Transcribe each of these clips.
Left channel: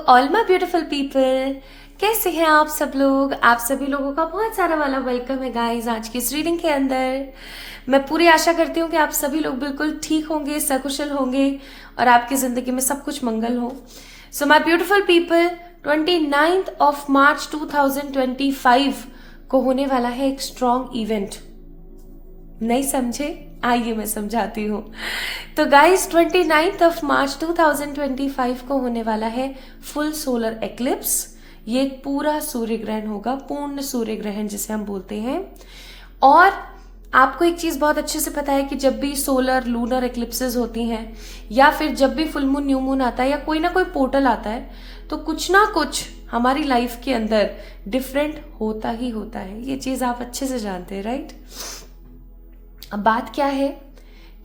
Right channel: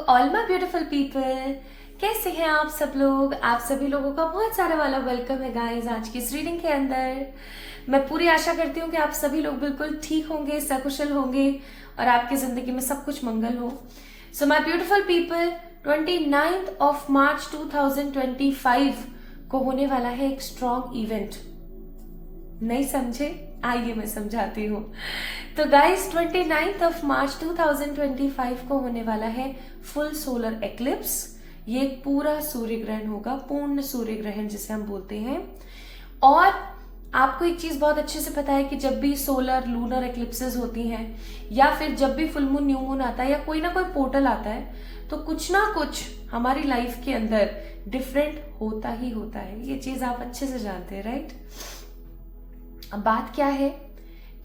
All my beautiful people. कैसे हैं आप सब लोग? आप सभी लोगों का बहुत सारा वाला वेलकम है गाइस आज की इस रीडिंग के अंदर। मैं पूरी आशा करती हूँ कि आप सभी लोग बिल्कुल ठीक होंगे, सकुशल होंगे और आपकी जिंदगी में सब कुछ मंगल हो। सो my beautiful people, 29 of March 2025 को होने वाला है एक स्ट्रॉन्ग इवेंट। नहीं समझे? आइए मैं समझाती हूँ। तो गाइस 29 ऑफ मार्च 2025 को होने वाला है फुल सोलर एक्लिप्स। ये एक पूरा सूर्य ग्रहण होगा, पूर्ण सूर्य ग्रहण जिसे हम बोलते हैं। और आपको एक चीज बहुत अच्छे से पता है कि जब भी सोलर लूनर एक्लिप्सेस होती हैं या फिर जब भी फुल मून न्यू मून आता है या कोई ना कोई पोर्टल आता है तो कुछ ना कुछ हमारी लाइफ के अंदर डिफरेंट होता ही होता है। ये चीज आप अच्छे से जानते हैं, राइट? अब बात क्या है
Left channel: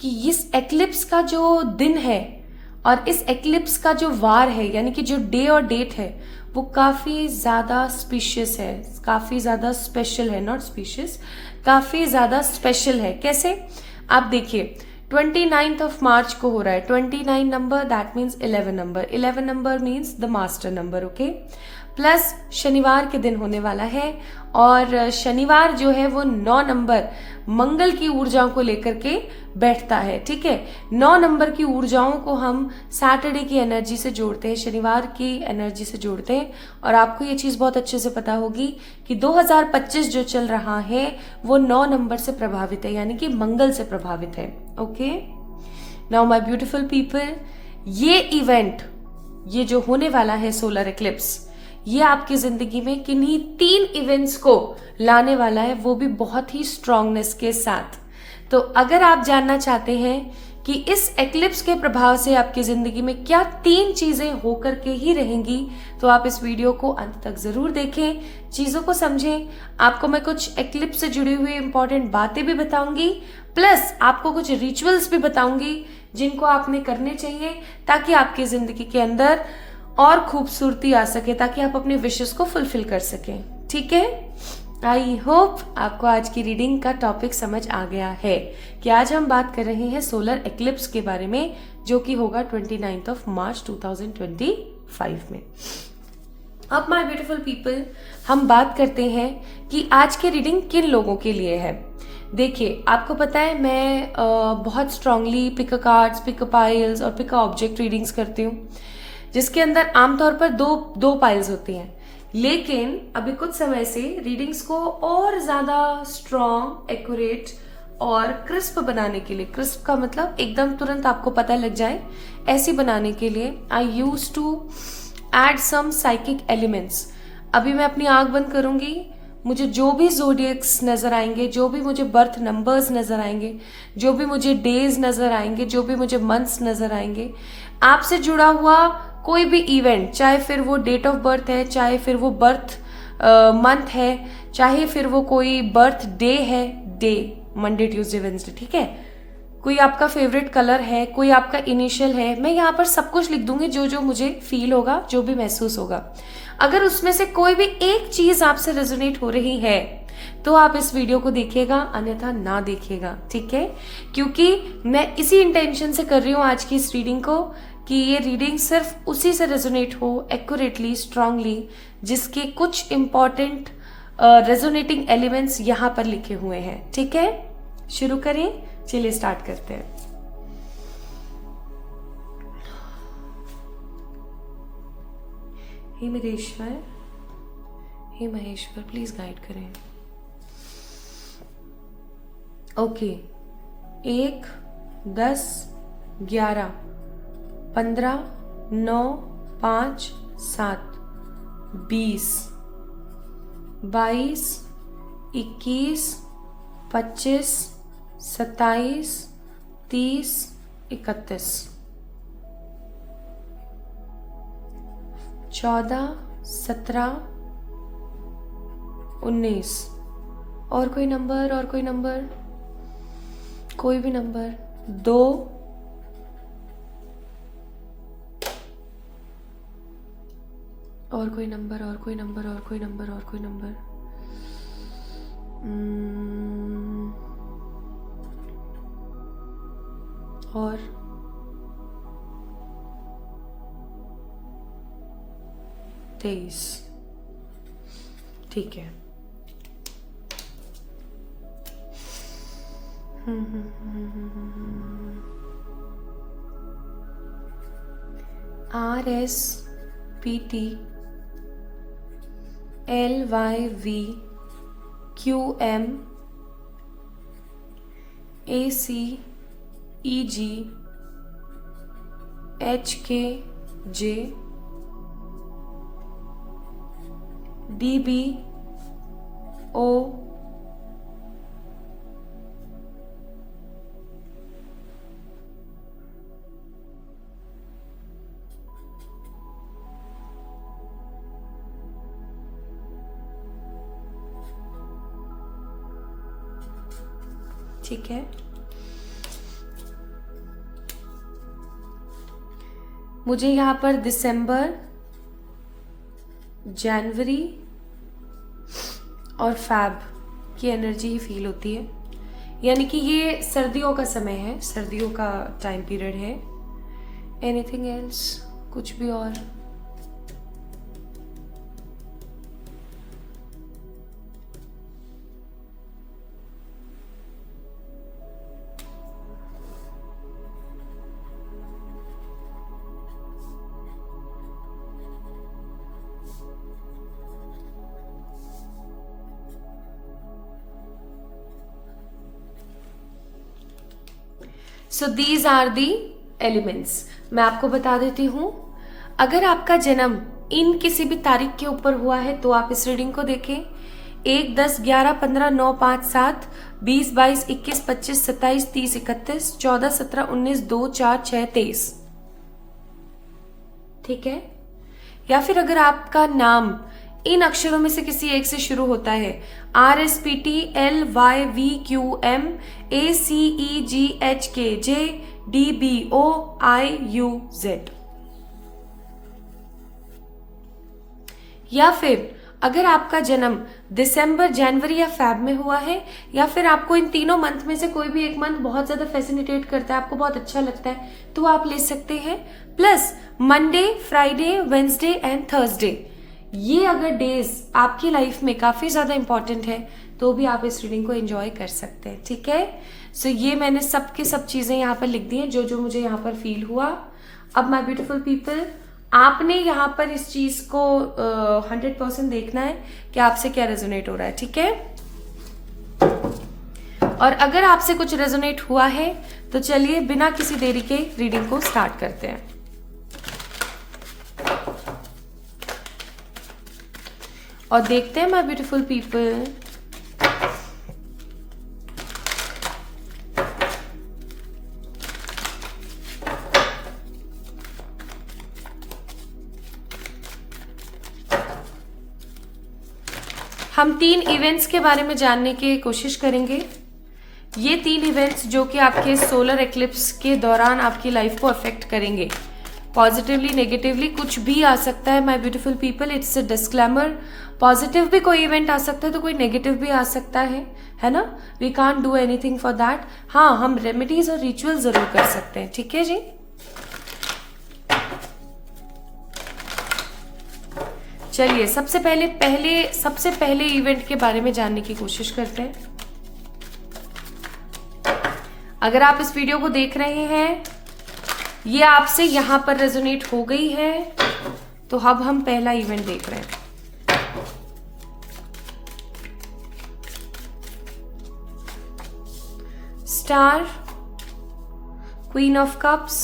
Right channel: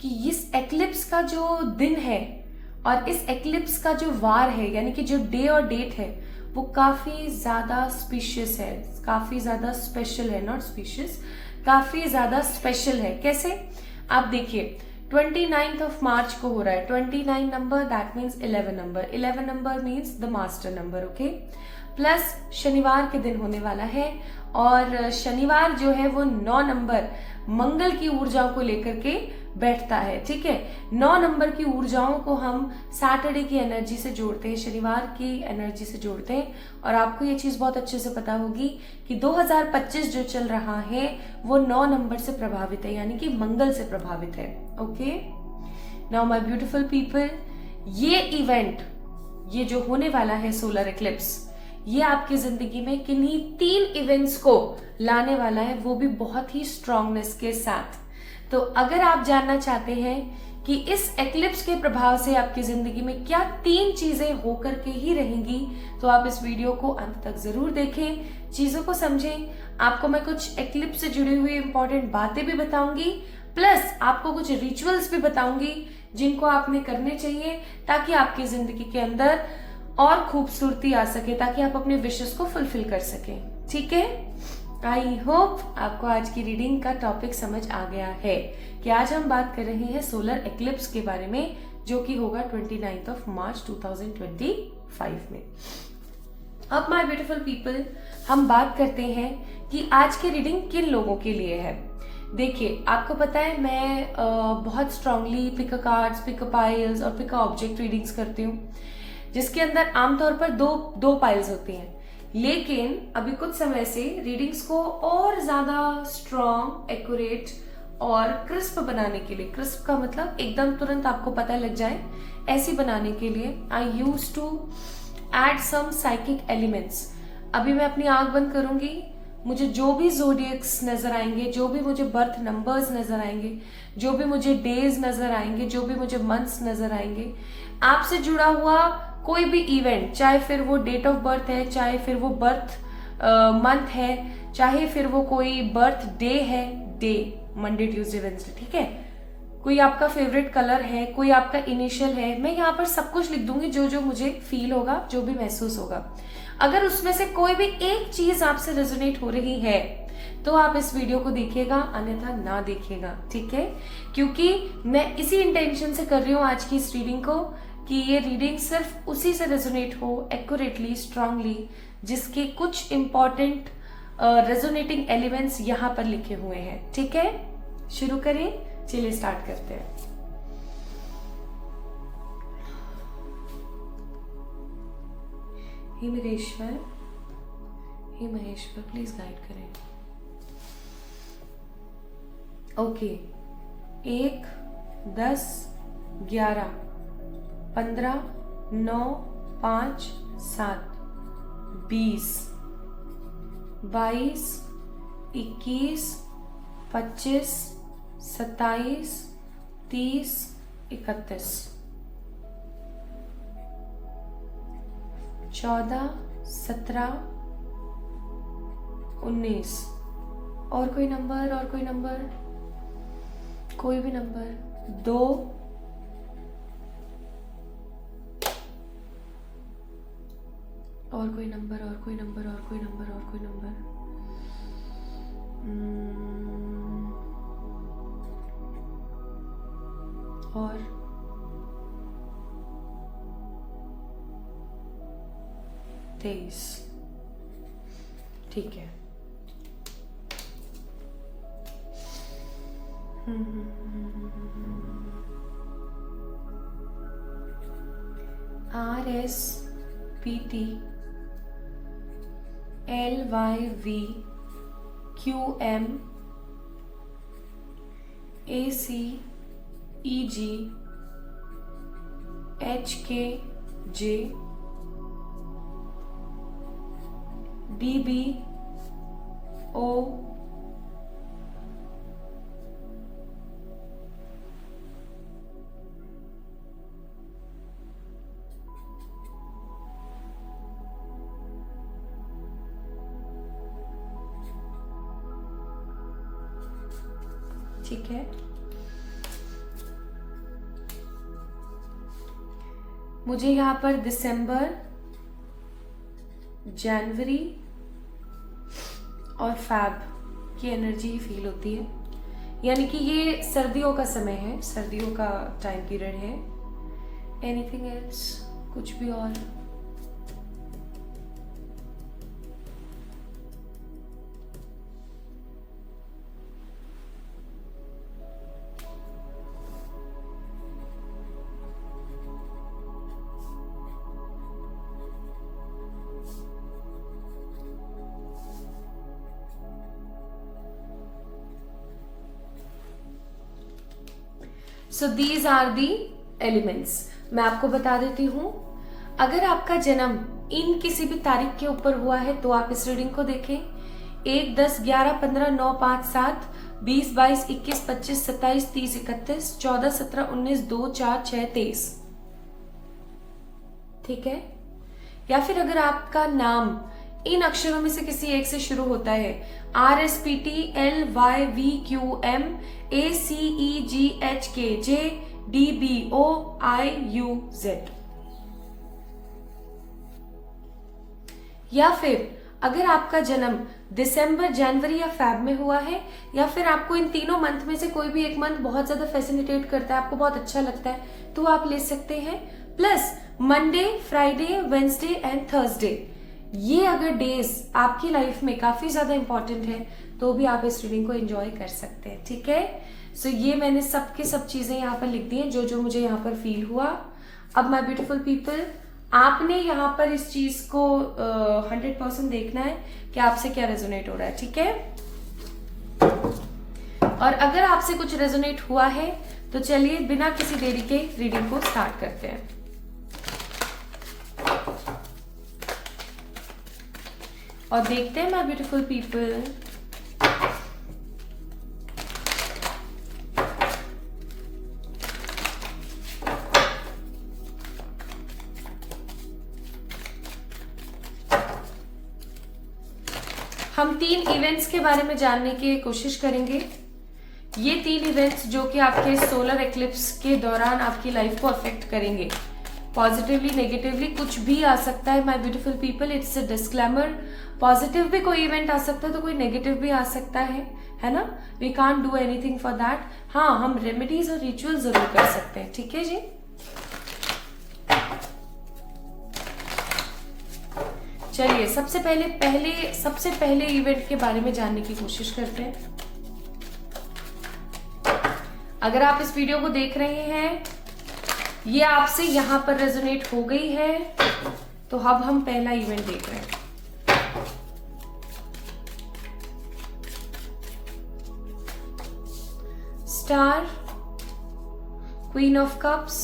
कि इस एक्लिप्स का जो दिन है और इस एक्लिप्स का जो वार है, यानी कि जो डे और डेट है, वो काफी ज्यादा स्पीशियस है, काफी ज्यादा स्पेशल है। नॉट स्पीशियस, काफी ज्यादा स्पेशल है। कैसे? आप देखिए 29th ऑफ मार्च को हो रहा है। 29 number that means 11 number. 11 number means the master number, okay. Plus शनिवार के दिन होने वाला है और शनिवार जो है वो 9 नंबर मंगल की ऊर्जाओं को लेकर के बैठता है, ठीक है। 9 नंबर की ऊर्जाओं को हम सैटरडे की एनर्जी से जोड़ते हैं, शनिवार की एनर्जी से जोड़ते हैं। और आपको ये चीज बहुत अच्छे से पता होगी कि 2025 जो चल रहा है वो 9 नंबर से प्रभावित है, यानी कि मंगल से प्रभावित है, okay. Now my beautiful people, ये इवेंट, ये जो होने वाला है सोलर एक्लिप्स, ये आपकी जिंदगी में किन्हीं 3 इवेंट्स को लाने वाला है, वो भी बहुत ही स्ट्रांगनेस के साथ। तो अगर आप जानना चाहते हैं कि इस एक्लिप्स के प्रभाव से आपकी जिंदगी में क्या 3 चीजें होकर के ही रहेंगी, तो आप इस वीडियो को अंत तक जरूर देखें, चीजों को समझें। आपको मैं कुछ एक्लिप्स से जुड़ी हुई इंपॉर्टेंट बातें भी बताऊंगी, प्लस आपको कुछ रिचुअल्स भी बताऊंगी जिनको आपने करने चाहिए ताकि आपकी जिंदगी के अंदर और खूबसूरती आ सके, ताकि आप अपने विशेस को फुलफिल कर सकें, ठीक है। आई होप आपको आज की रीडिंग का टॉपिक समझ आ गया है कि आज हम बात कर रहे हैं सोलर एक्लिप्स के बारे में, जो कि होगा 29 ऑफ मार्च 2025 में। अब माय ब्यूटीफुल पीपल, हम बात करते हैं कि आज की रीडिंग किन लोगों के लिए है। देखिए, आपको पता है मैं बहुत strongly pick a cards, pick a piles और पिक अ ऑब्जेक्ट रीडिंग्स करती हूँ, जिसके अंदर आमतौर पर दो पाइल्स होती हैं। लेकिन अभी कुछ समय से रीडिंग्स को और ज्यादा स्ट्रॉन्ग, एक्यूरेट और क्रिस्प बनाने के लिए, क्रिस्प का मतलब एकदम तुरंत आपको पता लग जाए, ऐसी बनाने के लिए I used to add some psychic elements. अभी मैं अपनी आंख बंद करूंगी, मुझे जो भी जोडियक्स नजर आएंगे, जो भी मुझे बर्थ नंबर्स नजर आएंगे, जो भी मुझे डेज नजर आएंगे, जो भी मुझे मंथ्स नजर आएंगे, आपसे जुड़ा हुआ कोई भी इवेंट, चाहे फिर वो डेट ऑफ बर्थ है, चाहे फिर वो बर्थ मंथ है, चाहे फिर वो कोई बर्थ डे है, डे मंडे ट्यूसडे वेडनेसडे, ठीक है। कोई आपका फेवरेट कलर है, कोई आपका इनिशियल है, मैं यहाँ पर सब कुछ लिख दूंगी जो जो मुझे फील होगा, जो भी महसूस होगा। अगर उसमें से कोई भी एक चीज आपसे रेजोनेट हो रही है तो आप इस वीडियो को देखिएगा, अन्यथा ना देखिएगा, ठीक है। क्योंकि मैं इसी इंटेंशन से कर रही हूँ आज की इस रीडिंग को कि ये रीडिंग सिर्फ उसी से रेजोनेट हो, एक्यूरेटली, स्ट्रांगली, जिसके कुछ इंपॉर्टेंट रेजोनेटिंग एलिमेंट्स यहाँ पर लिखे हुए हैं, ठीक है। शुरू करें, चलिए स्टार्ट करते हैं। हे महेश्वर, हे महेश्वर, प्लीज गाइड करें। ओके, 1, 10, 11, 15, 9, 5, 7, 20, 22, 21, 25, 27, 30, 31, 14, 17, 19। और कोई नंबर, और कोई नंबर, कोई भी नंबर, 2, और कोई नंबर, और कोई नंबर, और कोई नंबर, और कोई नंबर, और 23, ठीक है। RSPT LYVQM ACEG HKJ DBO ठीक है। मुझे यहाँ पर दिसंबर, जनवरी और फैब की एनर्जी ही फील होती है, यानी कि ये सर्दियों का समय है, सर्दियों का टाइम पीरियड है। एनीथिंग एल्स, कुछ भी और? So these are the elements. मैं आपको बता देती हूँ, अगर आपका जन्म इन किसी भी तारीख के ऊपर हुआ है तो आप इस रीडिंग को देखें। 1, 10, 11, 15, 9, 5, 7, 20, 22, 21, 25, 27, 30, 31, 14, 17, 19, 2, 4, 6, 23, ठीक है। या फिर अगर आपका नाम इन अक्षरों में से किसी एक से शुरू होता है, RSPT LYVQM ACEG HKJ DBO IUZ, या फिर अगर आपका जन्म दिसंबर, जनवरी या फैब में हुआ है, या फिर आपको इन तीनों मंथ में से कोई भी एक मंथ बहुत ज्यादा फैसिलिटेट करता है, आपको बहुत अच्छा लगता है, तो आप ले सकते हैं। Plus Monday, Friday, Wednesday and Thursday, ये अगर डेज आपकी लाइफ में काफी ज्यादा इंपॉर्टेंट है तो भी आप इस रीडिंग को एंजॉय कर सकते हैं, ठीक है। सो ये मैंने सब चीजें यहाँ पर लिख दी हैं, जो जो मुझे यहाँ पर फील हुआ। अब माय ब्यूटीफुल पीपल, आपने यहाँ पर इस चीज को 100% देखना है कि आपसे क्या रेजोनेट हो रहा है, ठीक है। और अगर आपसे कुछ रेजोनेट हुआ है तो चलिए बिना किसी देरी के रीडिंग को स्टार्ट करते हैं। और देखते हैं माय ब्यूटीफुल पीपल, हम 3 इवेंट्स के बारे में जानने की कोशिश करेंगे। ये 3 इवेंट्स जो कि आपके सोलर एक्लिप्स के दौरान आपकी लाइफ को अफेक्ट करेंगे, पॉजिटिवली नेगेटिवली कुछ भी आ सकता है my beautiful people, it's a disclaimer. Positive भी कोई इवेंट आ सकता है तो कोई नेगेटिव भी आ सकता है ना। We can't do anything for that. हाँ, हम रेमेडीज और रिचुअल जरूर कर सकते हैं, ठीक है जी। चलिए सबसे पहले इवेंट के बारे में जानने की कोशिश करते हैं। अगर आप इस वीडियो को देख रहे हैं, ये आपसे यहां पर रेजोनेट हो गई है, तो अब हम पहला इवेंट देख रहे हैं। Star, queen of cups,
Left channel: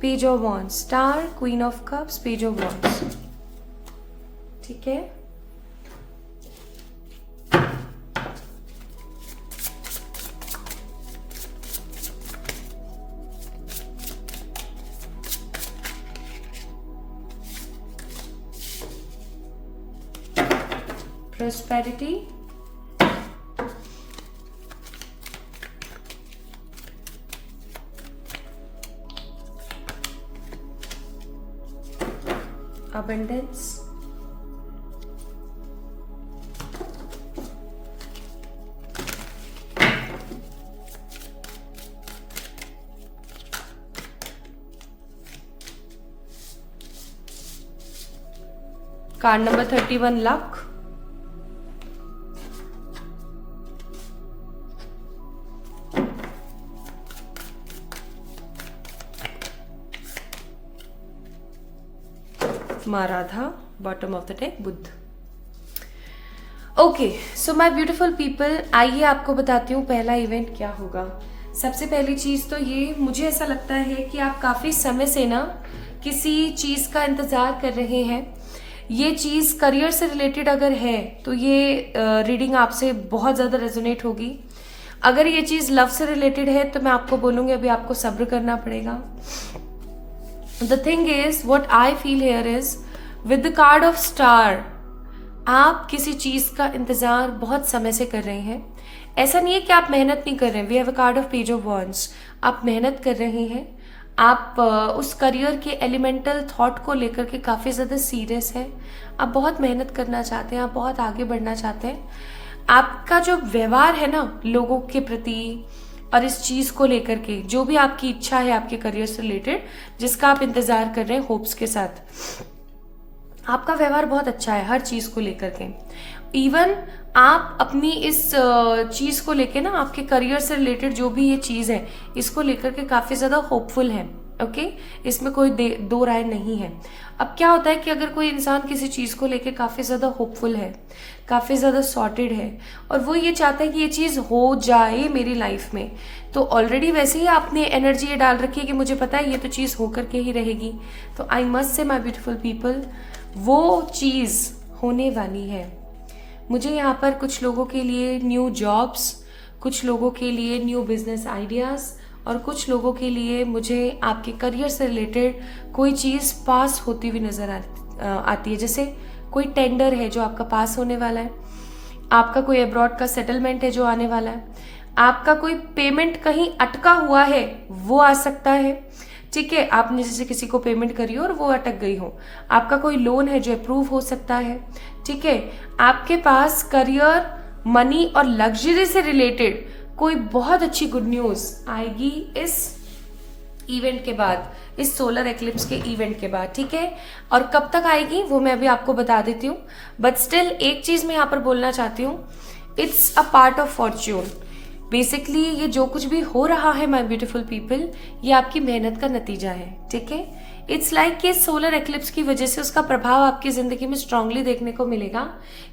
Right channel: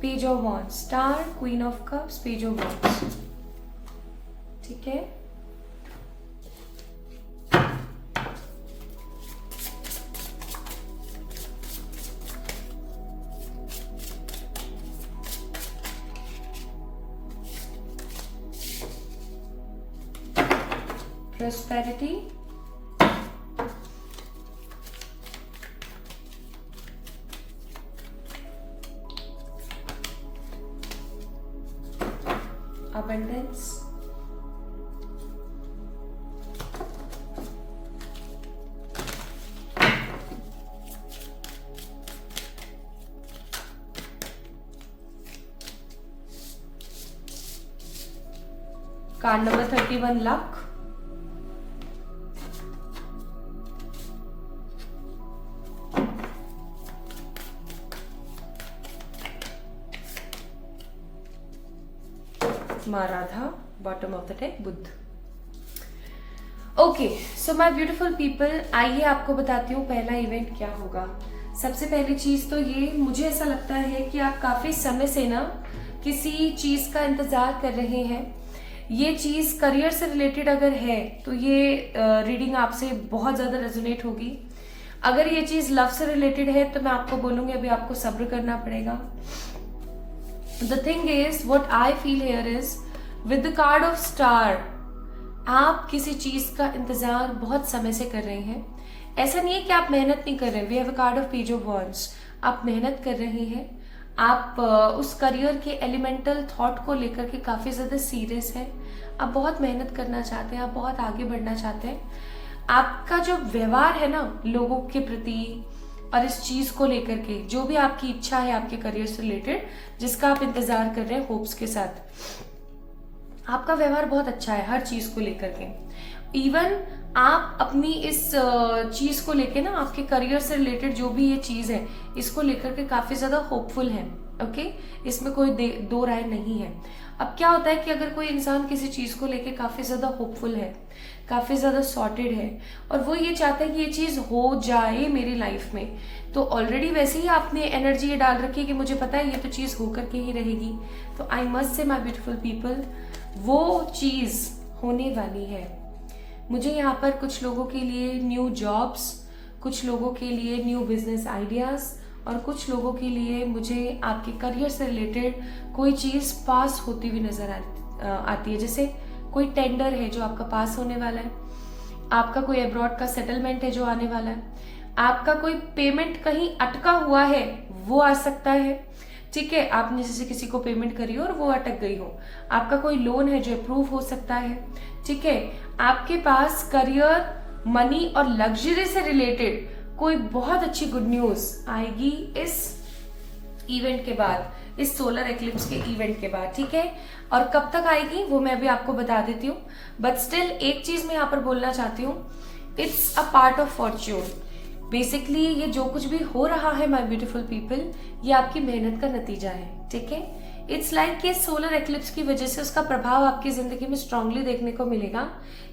page of wands. Star, queen of cups, page of wands, ठीक है। Prosperity, abundance, card number 31 luck, माँ Radha, bottom of the deck Buddha. Okay so my beautiful people, आइए आपको बताती हूँ पहला इवेंट क्या होगा। सबसे पहली चीज तो ये, मुझे ऐसा लगता है कि आप काफी समय से ना किसी चीज का इंतजार कर रहे हैं। ये चीज करियर से रिलेटेड अगर है तो ये रीडिंग आपसे बहुत ज्यादा रेजोनेट होगी। अगर ये चीज लव से रिलेटेड है तो मैं आपको बोलूंगी अभी आपको सब्र करना पड़ेगा। The thing is, what I feel here is, with the card of star, आप किसी चीज का इंतजार बहुत समय से कर रहे हैं। ऐसा नहीं है कि आप मेहनत नहीं कर रहे हैं। We have a card of Page of Wands, आप मेहनत कर रहे हैं। आप उस करियर के एलिमेंटल थॉट को लेकर के काफी ज्यादा सीरियस है। आप बहुत मेहनत करना चाहते हैं, आप बहुत आगे बढ़ना चाहते हैं। आपका जो व्यवहार है ना लोगों के प्रति और इस चीज को लेकर के, जो भी आपकी इच्छा है आपके करियर से रिलेटेड, जिसका आप इंतजार कर रहे हैं होप्स के साथ, आपका व्यवहार बहुत अच्छा है हर चीज को लेकर के। इवन आप अपनी इस चीज को लेकर ना, आपके करियर से रिलेटेड जो भी ये चीज है, इसको लेकर के काफी ज्यादा होपफुल है। ओके, इसमें कोई दो राय नहीं है। अब क्या होता है कि अगर कोई इंसान किसी चीज को लेके काफी ज्यादा होपफुल है, काफी ज्यादा सॉर्टेड है, और वो ये चाहता है कि ये चीज हो जाए मेरी लाइफ में, तो ऑलरेडी वैसे ही आपने एनर्जी ये डाल रखी है कि मुझे पता है ये तो चीज होकर के ही रहेगी। तो I must say my beautiful people, वो चीज होने वाली है। मुझे यहाँ पर कुछ लोगों के लिए न्यू जॉब्स, कुछ लोगों के लिए न्यू बिजनेस आइडियाज, और कुछ लोगों के लिए मुझे आपके करियर से रिलेटेड कोई चीज पास होती हुई नजर आती है। जैसे कोई टेंडर है जो आपका पास होने वाला है, आपका कोई अब्रॉड का सेटलमेंट है जो आने वाला है, आपका कोई पेमेंट कहीं अटका हुआ है वो आ सकता है। ठीक है, आपने जैसे किसी को पेमेंट करी हो और वो अटक गई हो, आपका कोई लोन है जो अप्रूव हो सकता है। ठीक है, आपके पास करियर, मनी और लग्जरी से रिलेटेड कोई बहुत अच्छी गुड न्यूज आएगी इस इवेंट के बाद, इस सोलर एक्लिप्स के इवेंट के बाद। ठीक है, और कब तक आएगी वो मैं अभी आपको बता देती हूँ, बट स्टिल एक चीज मैं यहाँ पर बोलना चाहती हूँ, it's a part of Fortune. Basically ये जो कुछ भी हो रहा है माय ब्यूटीफुल पीपल, ये आपकी मेहनत का नतीजा है। ठीक है, इट्स लाइक कि सोलर एक्लिप्स की वजह से उसका प्रभाव आपकी जिंदगी में स्ट्रांगली देखने को मिलेगा,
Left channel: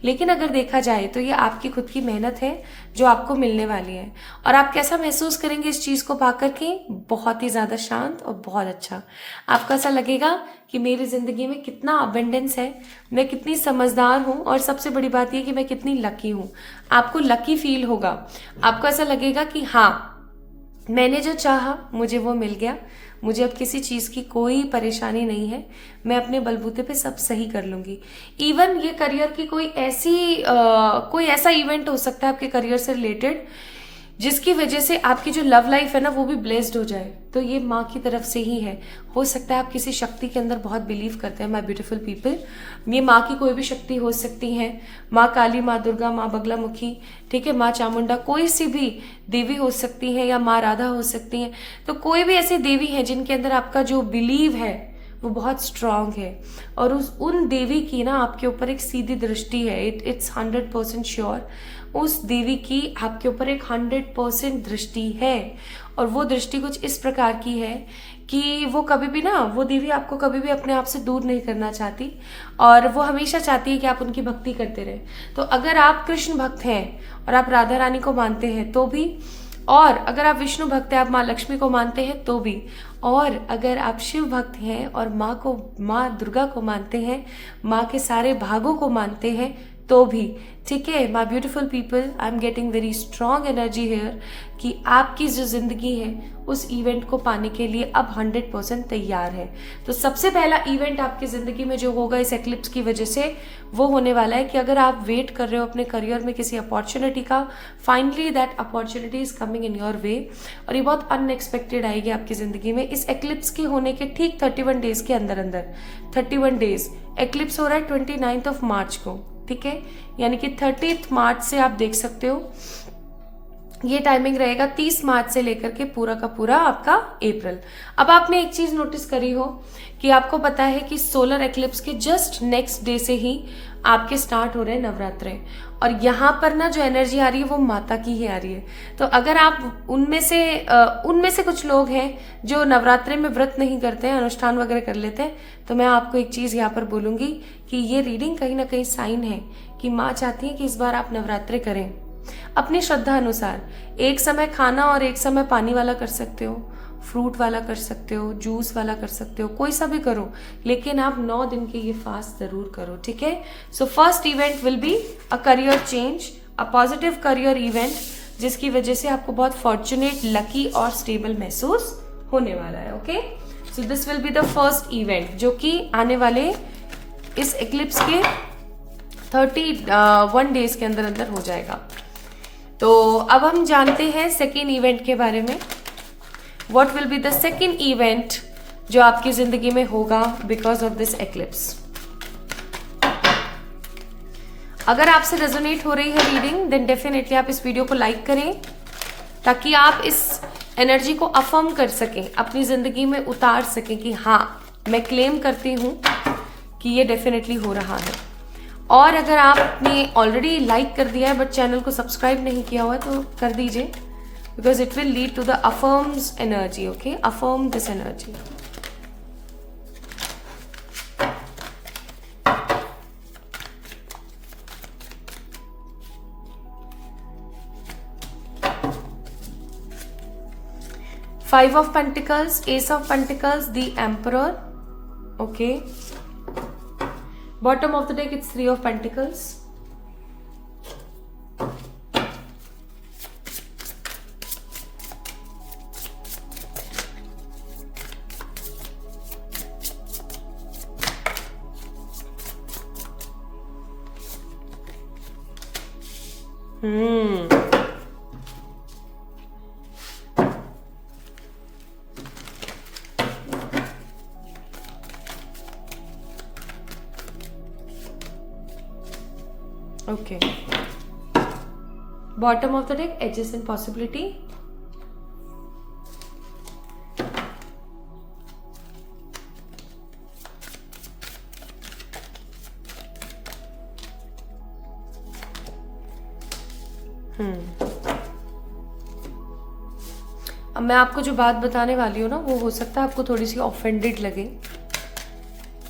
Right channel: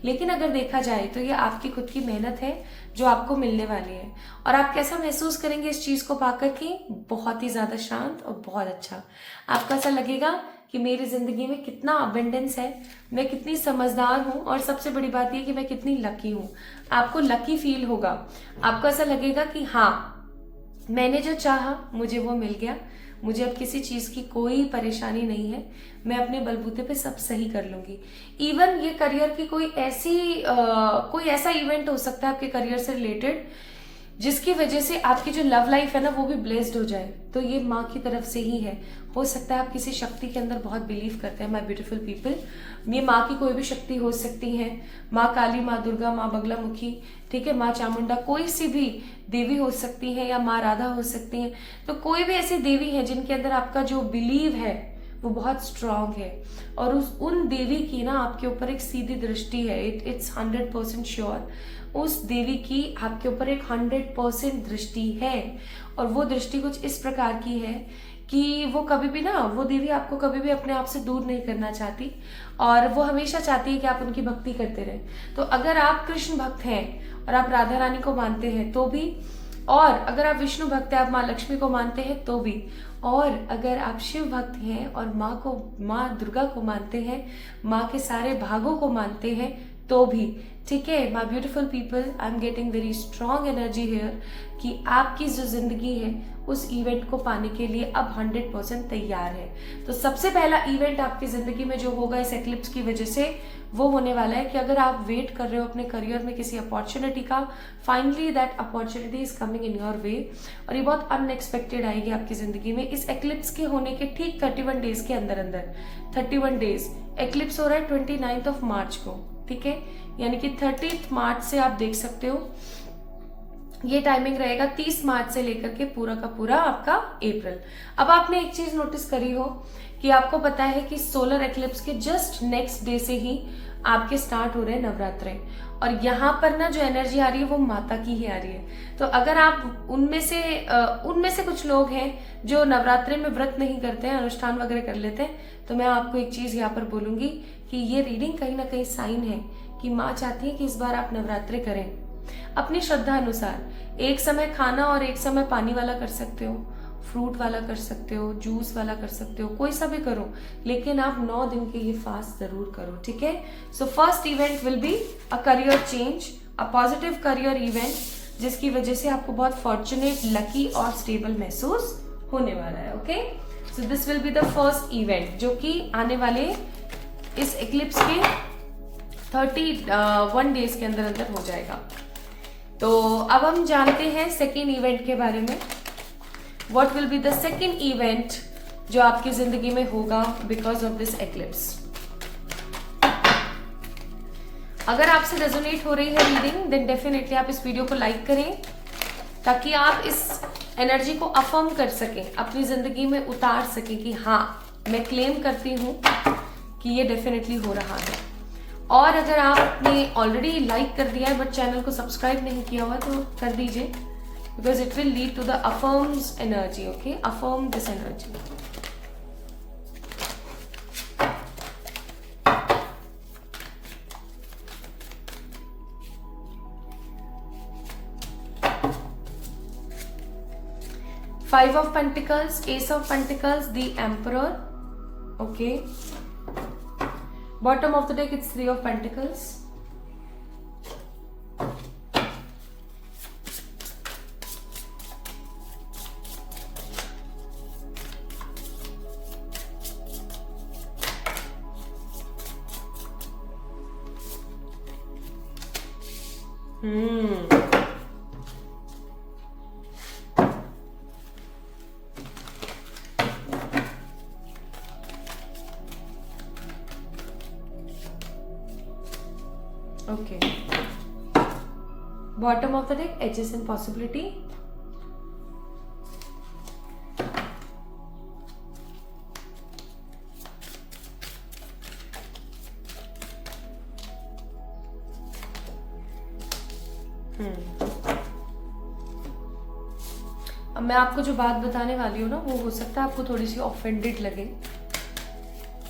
लेकिन अगर देखा जाए तो ये आपकी खुद की मेहनत है जो आपको मिलने वाली है। और आप कैसा महसूस करेंगे इस चीज को पाकर के? बहुत ही ज्यादा शांत और बहुत अच्छा। आपको ऐसा लगेगा कि मेरी जिंदगी में कितना अबेंडेंस है, मैं कितनी समझदार हूँ, और सबसे बड़ी बात यह कि मैं कितनी लकी हूँ। आपको लकी फील होगा, आपको ऐसा लगेगा कि हाँ, मैंने जो चाहा मुझे वो मिल गया, मुझे अब किसी चीज की कोई परेशानी नहीं है, मैं अपने बलबूते पे सब सही कर लूंगी। इवन ये करियर की कोई ऐसा इवेंट हो सकता है आपके करियर से रिलेटेड, जिसकी वजह से आपकी जो लव लाइफ है ना वो भी ब्लेस्ड हो जाए, तो ये माँ की तरफ से ही है। हो सकता है आप किसी शक्ति के अंदर बहुत बिलीव करते हैं माय ब्यूटीफुल पीपल। ये माँ की कोई भी शक्ति हो सकती है, माँ काली, माँ दुर्गा, माँ बगलामुखी, ठीक है, माँ चामुंडा, कोई सी भी देवी हो सकती है, या माँ राधा हो सकती है। तो कोई भी ऐसी देवी है जिनके अंदर आपका जो बिलीव है वो बहुत स्ट्रांग है, और उन देवी की ना आपके ऊपर एक सीधी दृष्टि है। इट्स 100% श्योर, उस देवी की आपके ऊपर एक 100% दृष्टि है, और वो दृष्टि कुछ इस प्रकार की है कि वो कभी भी ना, वो देवी आपको कभी भी अपने आप से दूर नहीं करना चाहती, और वो हमेशा चाहती है कि आप उनकी भक्ति करते रहें। तो अगर आप कृष्ण भक्त हैं और आप राधा रानी को मानते हैं तो भी, और अगर आप विष्णु भक्त हैं, आप माँ लक्ष्मी को मानते हैं तो भी, और अगर आप शिव भक्त हैं और माँ दुर्गा को मानते हैं, माँ के सारे भागों को मानते हैं तो भी, ठीक है my beautiful people, I am getting very strong energy here कि आपकी जो जिंदगी है उस इवेंट को पाने के लिए अब 100% तैयार है। तो सबसे पहला इवेंट आपकी जिंदगी में जो होगा इस एक्लिप्स की वजह से, वो होने वाला है कि अगर आप वेट कर रहे हो अपने करियर में किसी अपॉर्चुनिटी का, finally that opportunity is coming in your way, और ये बहुत अनएक्सपेक्टेड आएगी आपकी जिंदगी में इस एक्लिप्स के होने के ठीक 31 डेज के अंदर अंदर। 31 डेज, एक्लिप्स हो रहा है 29 मार्च को, ठीक है, यानी कि 30 मार्च से आप देख सकते हो ये टाइमिंग रहेगा 30 मार्च से लेकर के पूरा का पूरा आपका अप्रैल। अब आपने एक चीज नोटिस करी हो कि आपको पता है कि सोलर एक्लिप्स के जस्ट नेक्स्ट डे से ही आपके स्टार्ट हो रहे हैं नवरात्रे, और यहाँ पर ना जो एनर्जी आ रही है वो माता की ही आ रही है। तो अगर आप उनमें से कुछ लोग हैं जो नवरात्रे में व्रत नहीं करते हैं, अनुष्ठान वगैरह कर लेते हैं, तो मैं आपको एक चीज यहाँ पर बोलूंगी कि ये रीडिंग कहीं ना कहीं साइन है कि माँ चाहती है कि इस बार आप नवरात्रे करें अपनी श्रद्धा अनुसार। एक समय खाना और एक समय पानी वाला कर सकते हो, फ्रूट वाला कर सकते हो, जूस वाला कर सकते हो, कोई सा भी करो, लेकिन आप 9 दिन के ये फास्ट जरूर करो, ठीक है। So first event will be a career change, a positive career event, जिसकी वजह से आपको बहुत फॉर्चुनेट, लकी और स्टेबल महसूस होने वाला है। Okay, so this will be the first event जो कि आने वाले इस एक्लिप्स के 31 डेज के अंदर अंदर हो जाएगा। तो अब हम जानते हैं सेकेंड इवेंट के बारे में। What will be the second event जो आपकी जिंदगी में होगा बिकॉज ऑफ दिस एक्लिप्स। अगर आपसे रेजोनेट हो रही है रीडिंग, देन डेफिनेटली आप इस वीडियो को लाइक करें ताकि आप इस एनर्जी को अफर्म कर सकें, अपनी जिंदगी में उतार सकें कि हाँ मैं क्लेम करती हूं कि ये डेफिनेटली हो रहा है। और अगर आपने ऑलरेडी लाइक कर दिया है बट चैनल को सब्सक्राइब नहीं किया हुआ तो कर दीजिए, because it will lead to the affirms energy. Okay, affirm this energy. Five of Pentacles, Ace of Pentacles, the Emperor. Okay, bottom of the deck it's Three of Pentacles. Okay. Bottom of the deck, edges and possibility. अब मैं आपको जो बात बताने वाली हूँ ना, वो हो सकता है आपको थोड़ी सी ऑफेंडेड लगे,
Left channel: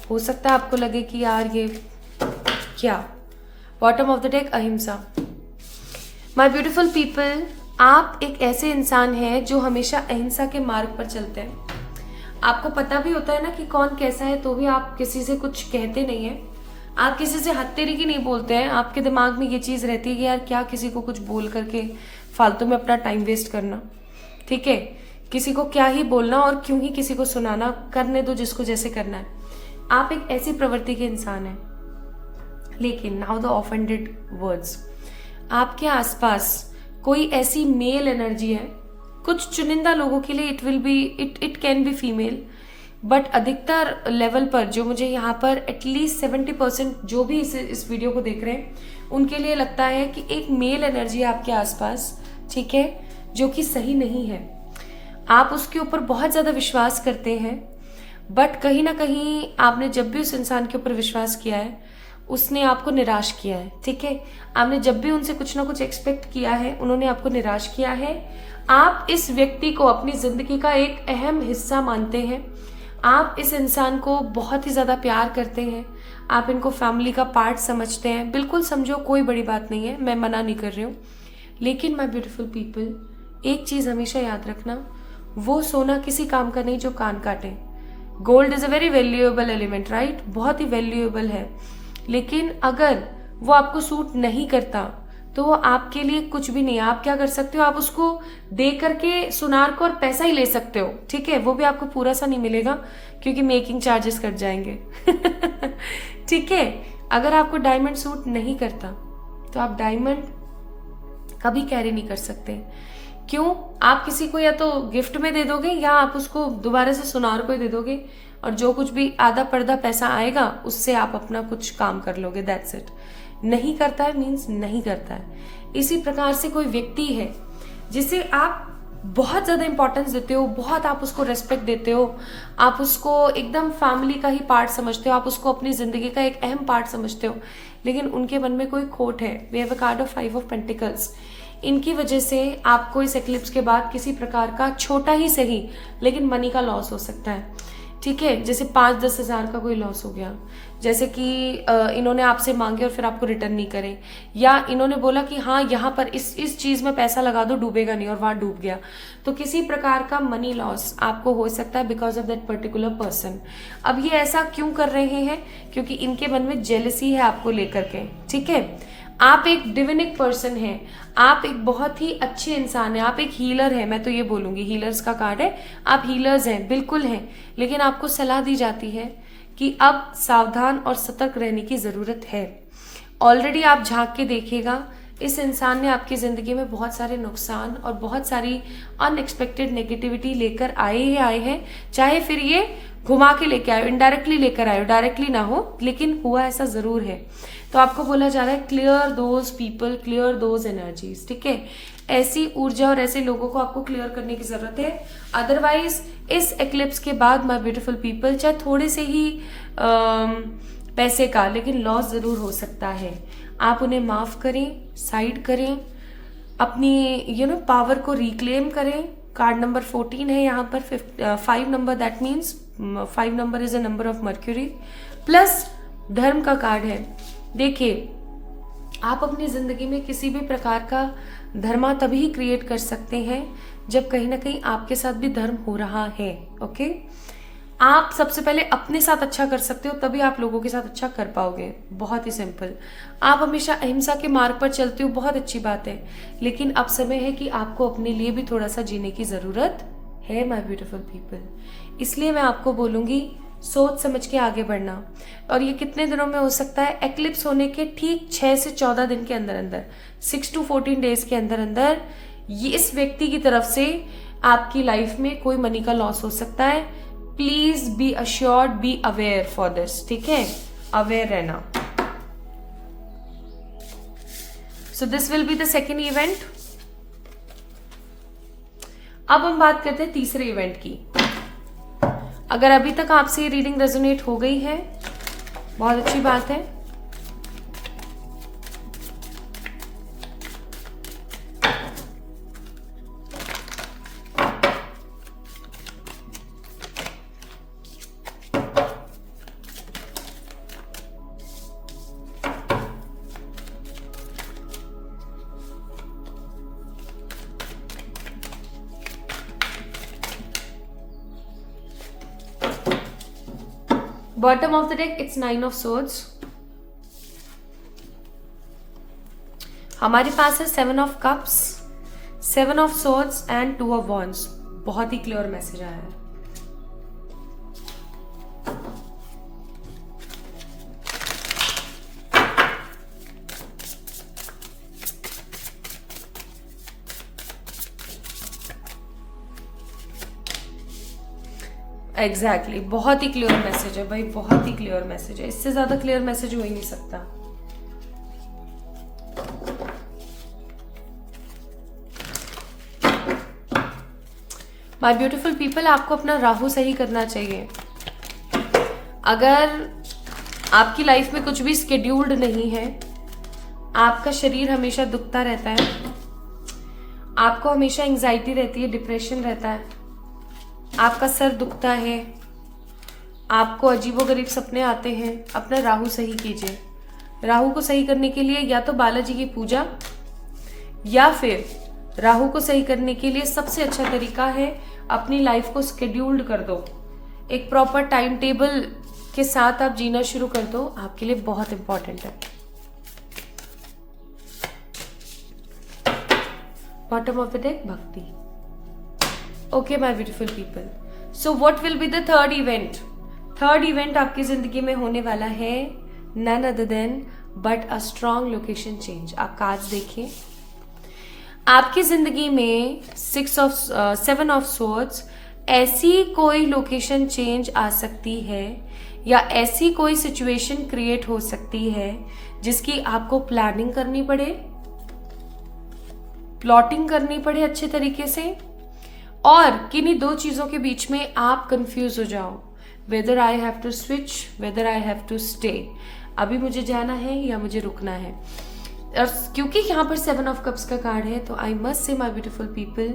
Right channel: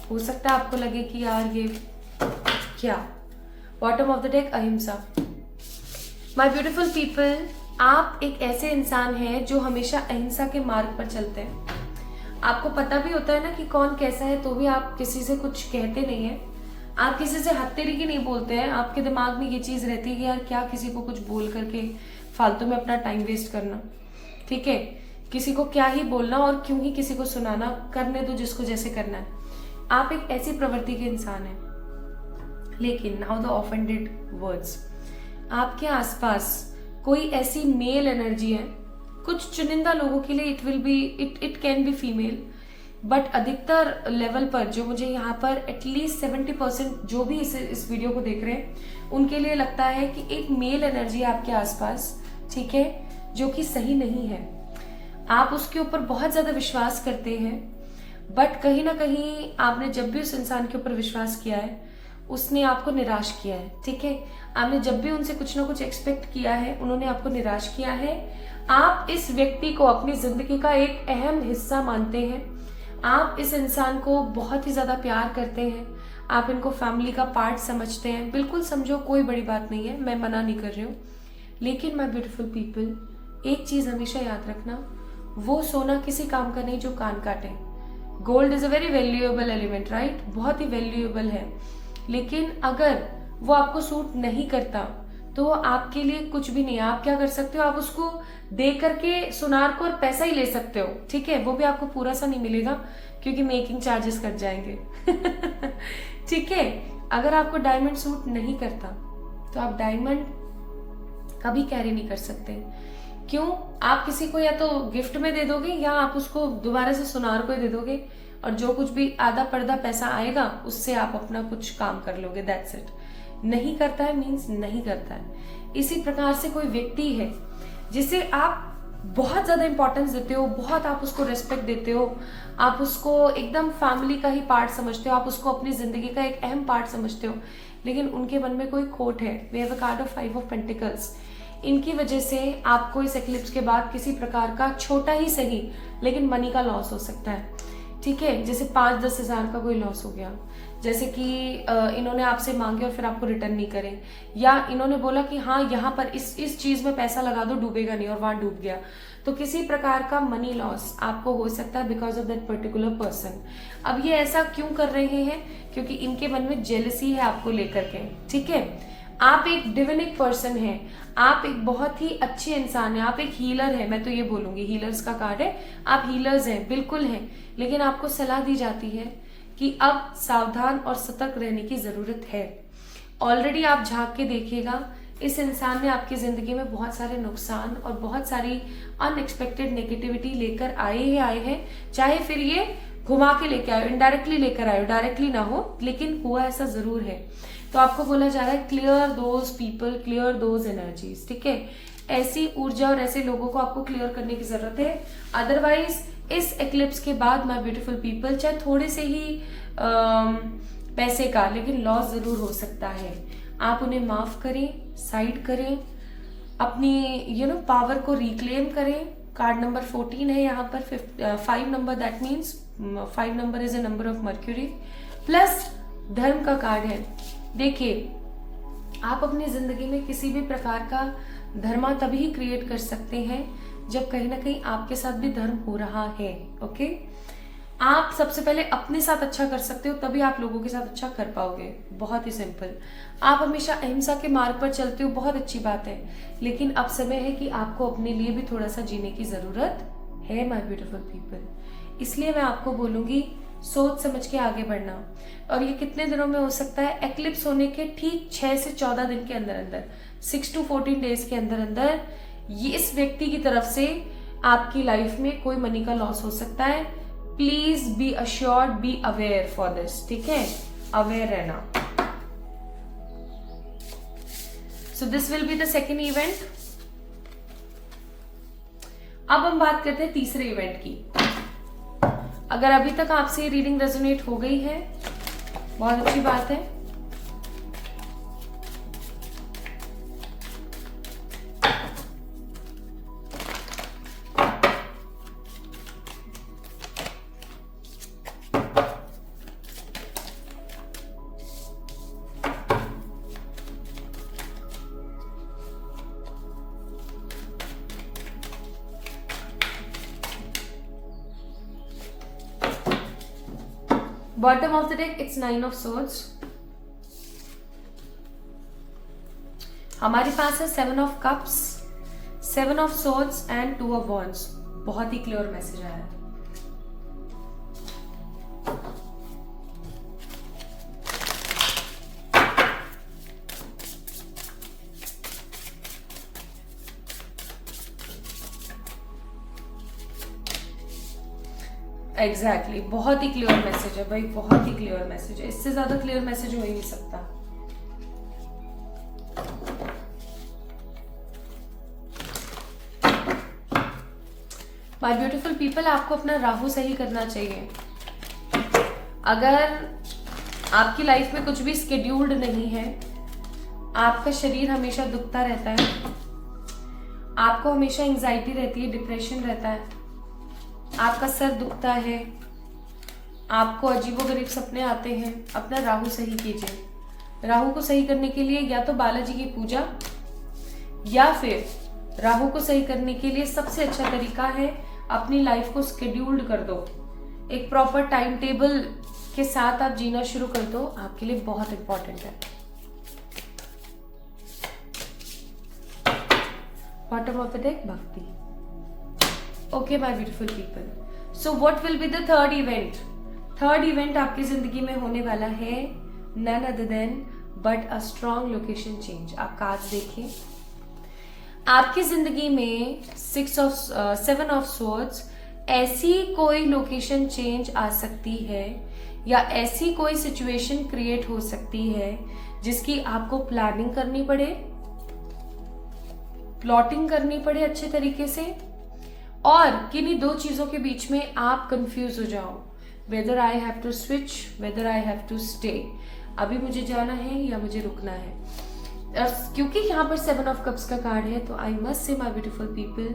हो सकता है आपको लगे कि यार ये क्या। बॉटम ऑफ द डेक, अहिंसा। माय ब्यूटीफुल पीपल, आप एक ऐसे इंसान हैं जो हमेशा अहिंसा के मार्ग पर चलते हैं। आपको पता भी होता है ना कि कौन कैसा है, तो भी आप किसी से कुछ कहते नहीं है, आप किसी से हत्तेरी नहीं बोलते हैं। आपके दिमाग में ये चीज रहती है कि यार क्या किसी को कुछ बोल करके फालतू में अपना टाइम वेस्ट करना, ठीक है, किसी को क्या ही बोलना और क्यों ही किसी को सुनाना, करने दो जिसको जैसे करना है। आप एक ऐसी प्रवृत्ति के इंसान हैं। लेकिन नाउ द ऑफेंडेड वर्ड्स, आपके आसपास कोई ऐसी मेल एनर्जी है, कुछ चुनिंदा लोगों के लिए it can be female, but अधिकतर लेवल पर जो मुझे यहाँ पर एटलीस्ट 70% जो भी इस वीडियो को देख रहे हैं उनके लिए लगता है कि एक मेल एनर्जी है आपके आसपास, ठीक है, जो कि सही नहीं है। आप उसके ऊपर बहुत ज्यादा विश्वास करते हैं, बट कहीं ना कहीं आपने जब भी उस इंसान के ऊपर विश्वास किया है उसने आपको निराश किया है, ठीक है। आपने जब भी उनसे कुछ ना कुछ एक्सपेक्ट किया है उन्होंने आपको निराश किया है। आप इस व्यक्ति को अपनी जिंदगी का एक अहम हिस्सा मानते हैं, आप इस इंसान को बहुत ही ज्यादा प्यार करते हैं, आप इनको फैमिली का पार्ट समझते हैं। बिल्कुल समझो, कोई बड़ी बात नहीं है, मैं मना नहीं कर रही हूँ। लेकिन माय ब्यूटीफुल पीपल, एक चीज हमेशा याद रखना, वो सोना किसी काम का नहीं जो कान काटे। Gold is a very valuable element, right, बहुत ही वैल्यूएबल है, लेकिन अगर वो आपको सूट नहीं करता तो वो आपके लिए कुछ भी नहीं है। आप क्या कर सकते हो, आप उसको दे करके सुनार को और पैसा ही ले सकते हो, ठीक है, वो भी आपको पूरा सा नहीं मिलेगा क्योंकि मेकिंग चार्जेस कट जाएंगे ठीक है। अगर आपको डायमंड सूट नहीं करता तो आप डायमंड कभी कैरी नहीं कर सकते। क्यों? आप किसी को या तो गिफ्ट में दे दोगे या आप उसको दोबारा से सुनार को ही दे दोगे, और जो कुछ भी आधा पर्दा पैसा आएगा उससे आप अपना कुछ काम कर लोगे, दैट्स इट। नहीं करता है मीन्स नहीं करता है। इसी प्रकार से कोई व्यक्ति है जिसे आप बहुत ज्यादा इंपॉर्टेंस देते हो, बहुत आप उसको रेस्पेक्ट देते हो, आप उसको एकदम फैमिली का ही पार्ट समझते हो, आप उसको अपनी जिंदगी का एक अहम पार्ट समझते हो, लेकिन उनके मन में कोई खोट है। We have a card of 5 of pentacles. इनकी वजह से आपको इस एक्लिप्स के बाद किसी प्रकार का छोटा ही सही लेकिन मनी का लॉस हो सकता है, ठीक है। जैसे 5-10 हजार का कोई लॉस हो गया, जैसे कि इन्होंने आपसे मांगे और फिर आपको रिटर्न नहीं करे, या इन्होंने बोला कि हाँ यहाँ पर इस चीज में पैसा लगा दो, डूबेगा नहीं, और वहां डूब गया। तो किसी प्रकार का मनी लॉस आपको हो सकता है because of that particular person. अब ये ऐसा क्यों कर रहे हैं? क्योंकि इनके मन में जेलसी है आपको लेकर के, ठीक है। आप एक डिविनिक पर्सन है, आप एक बहुत ही अच्छे इंसान है, आप एक हीलर है, मैं तो ये बोलूंगी, हीलर्स का कार्ड है, आप हीलर्स हैं, बिल्कुल हैं, लेकिन आपको सलाह दी जाती है कि अब सावधान और सतर्क रहने की जरूरत है। ऑलरेडी आप झांक के देखिएगा, इस इंसान ने आपकी जिंदगी में बहुत सारे नुकसान और बहुत सारी अनएक्सपेक्टेड नेगेटिविटी लेकर आए हैं, चाहे फिर ये घुमा के लेके आए, इनडायरेक्टली लेकर आए, डायरेक्टली ना हो, लेकिन हुआ ऐसा जरूर है। तो आपको बोला जा रहा है clear those people, clear those energies, ठीक है। ऐसी ऊर्जा और ऐसे लोगों को आपको क्लियर करने की जरूरत है। अदरवाइज इस एक्लिप्स के बाद माय ब्यूटीफुल पीपल, चाहे थोड़े से ही पैसे का, लेकिन लॉस जरूर हो सकता है। आप उन्हें माफ करें, साइड करें, अपनी पावर को रिक्लेम करें। कार्ड नंबर 14 है यहाँ पर, 5 number, that means 5 number is a number of mercury, plus धर्म का कार्ड है। देखिए, आप अपनी जिंदगी में किसी भी प्रकार का धर्मा तभी क्रिएट कर सकते हैं जब कहीं ना कहीं आपके साथ भी धर्म हो रहा है, ओके। आप सबसे पहले अपने साथ अच्छा कर सकते हो, तभी आप लोगों के साथ अच्छा कर पाओगे। बहुत ही सिंपल। आप हमेशा अहिंसा के मार्ग पर चलते हो, बहुत अच्छी बात है, लेकिन अब समय है कि आपको अपने लिए भी थोड़ा सा जीने की जरूरत है माय ब्यूटीफुल पीपल। इसलिए मैं आपको बोलूंगी, सोच समझ के आगे बढ़ना। और ये कितने दिनों में हो सकता है? एक्लिप्स होने के ठीक 6 से 14 दिन के अंदर अंदर, 6 to 14 डेज के अंदर अंदर ये इस व्यक्ति की तरफ से आपकी लाइफ में कोई मनी का लॉस हो सकता है। Please be assured, be aware for this, ठीक है, अवेयर रहना। So this will be the second event. अब हम बात करते हैं तीसरे इवेंट की। अगर अभी तक आपसे ये रीडिंग रेजोनेट हो गई है, बहुत अच्छी बात है। Bottom of the deck, it's 9 of swords. हमारे पास है 7 of cups, 7 of swords and 2 of wands। बहुत ही क्लियर मैसेज आया है। एग्जैक्टली बहुत ही क्लियर मैसेज है भाई, बहुत ही क्लियर मैसेज है। इससे ज्यादा क्लियर मैसेज हो ही नहीं सकता। माय ब्यूटीफुल पीपल, आपको अपना राहु सही करना चाहिए। अगर आपकी लाइफ में कुछ भी स्केड्यूल्ड नहीं है, आपका शरीर हमेशा दुखता रहता है, आपको हमेशा एंजाइटी रहती है, डिप्रेशन रहता है, आपका सर दुखता है, आपको अजीबोगरीब सपने आते हैं, अपना राहु सही कीजिए। राहु को सही करने के लिए या तो बालाजी की पूजा, या फिर राहु को सही करने के लिए सबसे अच्छा तरीका है अपनी लाइफ को स्केड्यूल्ड कर दो। एक प्रॉपर टाइम टेबल के साथ आप जीना शुरू कर दो, आपके लिए बहुत इंपॉर्टेंट है। बॉटम ऑफ द डेक, भक्ति। Okay my beautiful people, so what will be the third event? Third event आपकी जिंदगी में होने वाला है none other than but a strong location change. आप कार्ड्स देखिए, आपकी जिंदगी में 7 ऑफ सोर्ड्स, ऐसी कोई लोकेशन चेंज आ सकती है या ऐसी कोई सिचुएशन क्रिएट हो सकती है जिसकी आपको प्लानिंग करनी पड़े, प्लॉटिंग करनी पड़े अच्छे तरीके से, और किन्हीं दो चीजों के बीच में आप कंफ्यूज हो जाओ, whether I have to switch, whether I have to stay, अभी मुझे जाना है या मुझे रुकना है। और क्योंकि यहाँ पर 7 ऑफ कप्स का कार्ड है, तो I must say my beautiful people,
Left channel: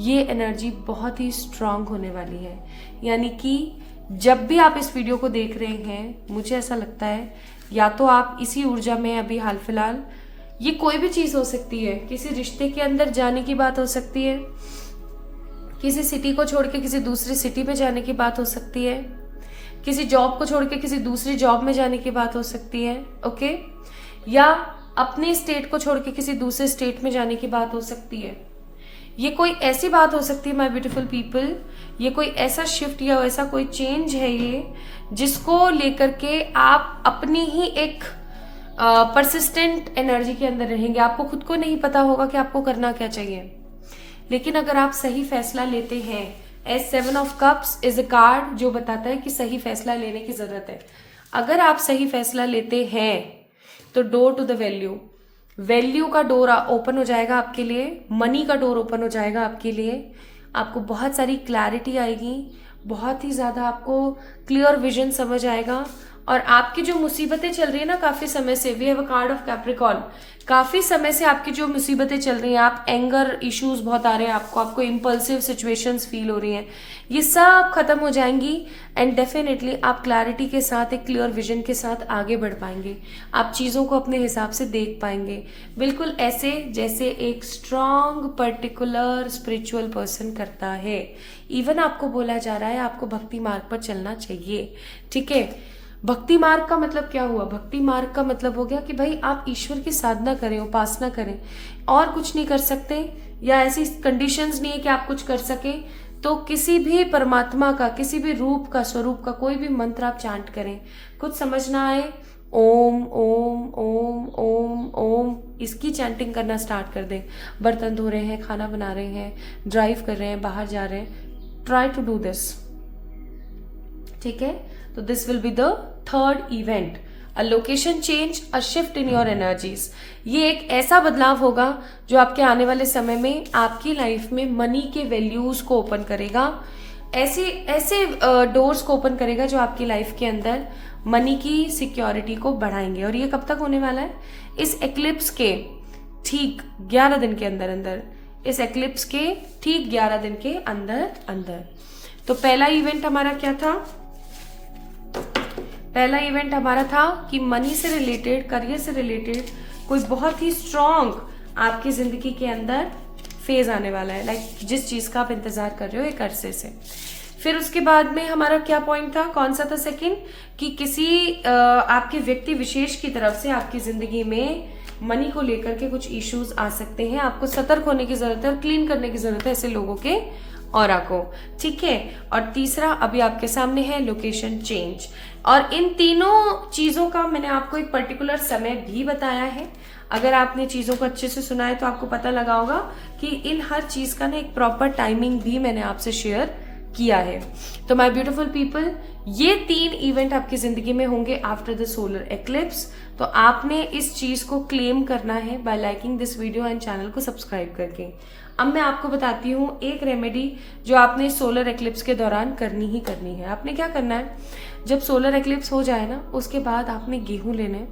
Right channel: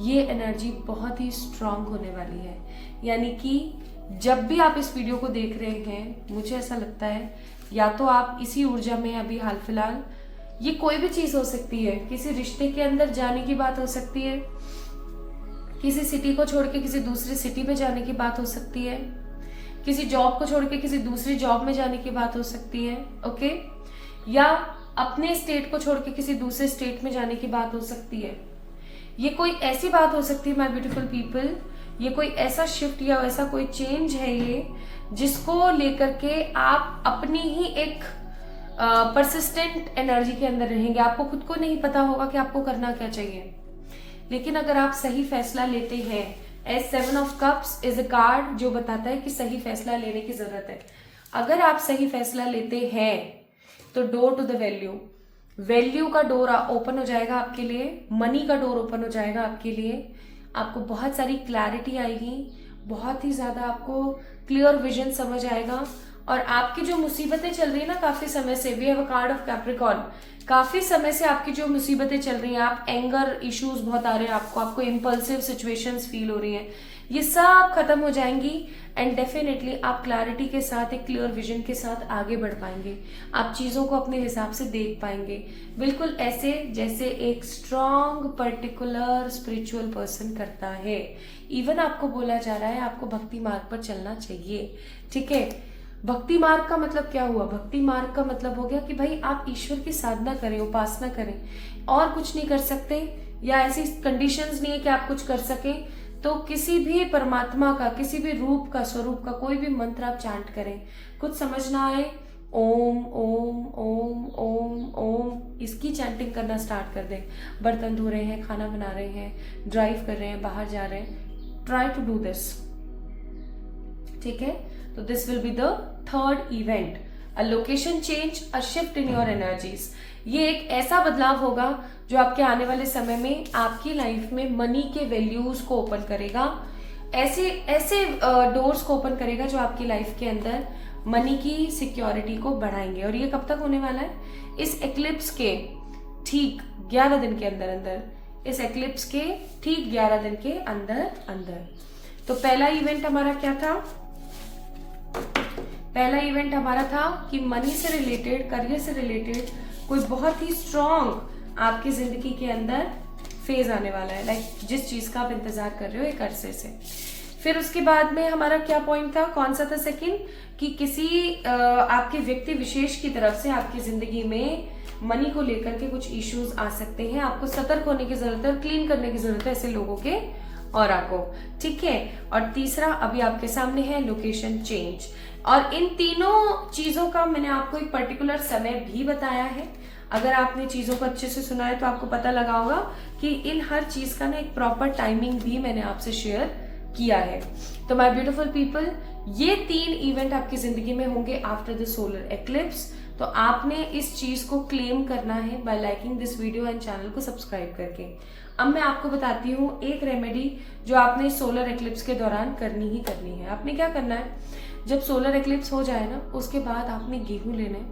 ये एनर्जी बहुत ही स्ट्रांग होने वाली है। यानी कि जब भी आप इस वीडियो को देख रहे हैं, मुझे ऐसा लगता है या तो आप इसी ऊर्जा में अभी हाल फिलहाल, ये कोई भी चीज हो सकती है, किसी रिश्ते के अंदर जाने की बात हो सकती है, किसी सिटी को छोड़ के किसी दूसरी सिटी में जाने की बात हो सकती है, किसी जॉब को छोड़ के किसी दूसरी जॉब में जाने की बात हो सकती है, ओके, या अपने स्टेट को छोड़ के किसी दूसरे स्टेट में जाने की बात हो सकती है। ये कोई ऐसी बात हो सकती है माय ब्यूटीफुल पीपल, ये कोई ऐसा शिफ्ट या ऐसा कोई चेंज है ये, जिसको लेकर के आप अपनी ही एक परसिस्टेंट एनर्जी के अंदर रहेंगे। आपको खुद को नहीं पता होगा कि आपको करना क्या चाहिए, लेकिन अगर आप सही फैसला लेते हैं, as 7 of cups is a card जो बताता है कि सही फैसला लेने की जरूरत है। अगर आप सही फैसला लेते हैं तो डोर टू द वैल्यू का डोर ओपन हो जाएगा आपके लिए, मनी का डोर ओपन हो जाएगा आपके लिए, आपको बहुत सारी क्लैरिटी आएगी, बहुत ही ज्यादा आपको क्लियर विजन समझ आएगा। और आपकी जो मुसीबतें चल रही है ना काफी समय से, we have a card of Capricorn, काफी समय से आपकी जो मुसीबतें चल रही हैं, आप एंगर इश्यूज बहुत आ रहे हैं आपको इम्पल्सिव सिचुएशंस फील हो रही हैं, ये सब खत्म हो जाएंगी एंड डेफिनेटली आप क्लैरिटी के साथ, एक क्लियर विजन के साथ आगे बढ़ पाएंगे। आप चीजों को अपने हिसाब से देख पाएंगे, बिल्कुल ऐसे जैसे एक स्ट्रॉन्ग पर्टिकुलर स्पिरिचुअल पर्सन करता है। इवन आपको बोला जा रहा है आपको भक्ति मार्ग पर चलना चाहिए, ठीक है। भक्ति मार्ग का मतलब क्या हुआ? भक्ति मार्ग का मतलब हो गया कि भाई आप ईश्वर की साधना करें, उपासना करें, और कुछ नहीं कर सकते या ऐसी कंडीशंस नहीं है कि आप कुछ कर सकें, तो किसी भी परमात्मा का, किसी भी रूप का, स्वरूप का कोई भी मंत्र आप चांट करें, कुछ समझ ना आए, ओम ओम ओम ओम ओम, इसकी चैंटिंग करना स्टार्ट कर दें। बर्तन धो रहे हैं, खाना बना रहे हैं, ड्राइव कर रहे हैं, बाहर जा रहे हैं, ट्राई टू डू दिस, ठीक है। तो this will be the third event, a location change, a shift in your energies. ये एक ऐसा बदलाव होगा जो आपके आने वाले समय में आपकी लाइफ में मनी के वैल्यूज को ओपन करेगा, ऐसे ऐसे डोर्स को ओपन करेगा जो आपकी लाइफ के अंदर मनी की सिक्योरिटी को बढ़ाएंगे। और ये कब तक होने वाला है? इस एक्लिप्स के ठीक 11 दिन के अंदर अंदर, इस एक्लिप्स के ठीक 11 दिन के अंदर अंदर। तो पहला इवेंट हमारा क्या था? पहला इवेंट हमारा था कि मनी से रिलेटेड, करियर से रिलेटेड कोई बहुत ही स्ट्रॉन्ग आपकी जिंदगी के अंदर फेज आने वाला है, लाइक जिस चीज का आप इंतजार कर रहे हो एक अरसे से। फिर उसके बाद में हमारा क्या पॉइंट था, कौन सा था सेकंड, कि किसी आपके व्यक्ति विशेष की तरफ से आपकी जिंदगी में मनी को लेकर के कुछ इश्यूज आ सकते हैं, आपको सतर्क होने की जरूरत है और क्लीन करने की जरूरत है ऐसे लोगों के ऑरा को, ठीक है। और तीसरा अभी आपके सामने है लोकेशन चेंज। और इन तीनों चीजों का मैंने आपको एक पर्टिकुलर समय भी बताया है। अगर आपने चीजों को अच्छे से सुना है तो आपको पता लगा होगा कि इन हर चीज का ना एक प्रॉपर टाइमिंग भी मैंने आपसे शेयर किया है। तो माय ब्यूटीफुल पीपल, ये 3 इवेंट आपकी जिंदगी में होंगे आफ्टर द सोलर एक्लिप्स। तो आपने इस चीज को क्लेम करना है bye liking this video and channel को सब्सक्राइब करके। अब मैं आपको बताती हूँ एक रेमेडी जो आपने सोलर एक्लिप्स के दौरान करनी ही करनी है। आपने क्या करना है, जब सोलर एक्लिप्स हो जाए ना, उसके बाद आपने गेहूं लेने,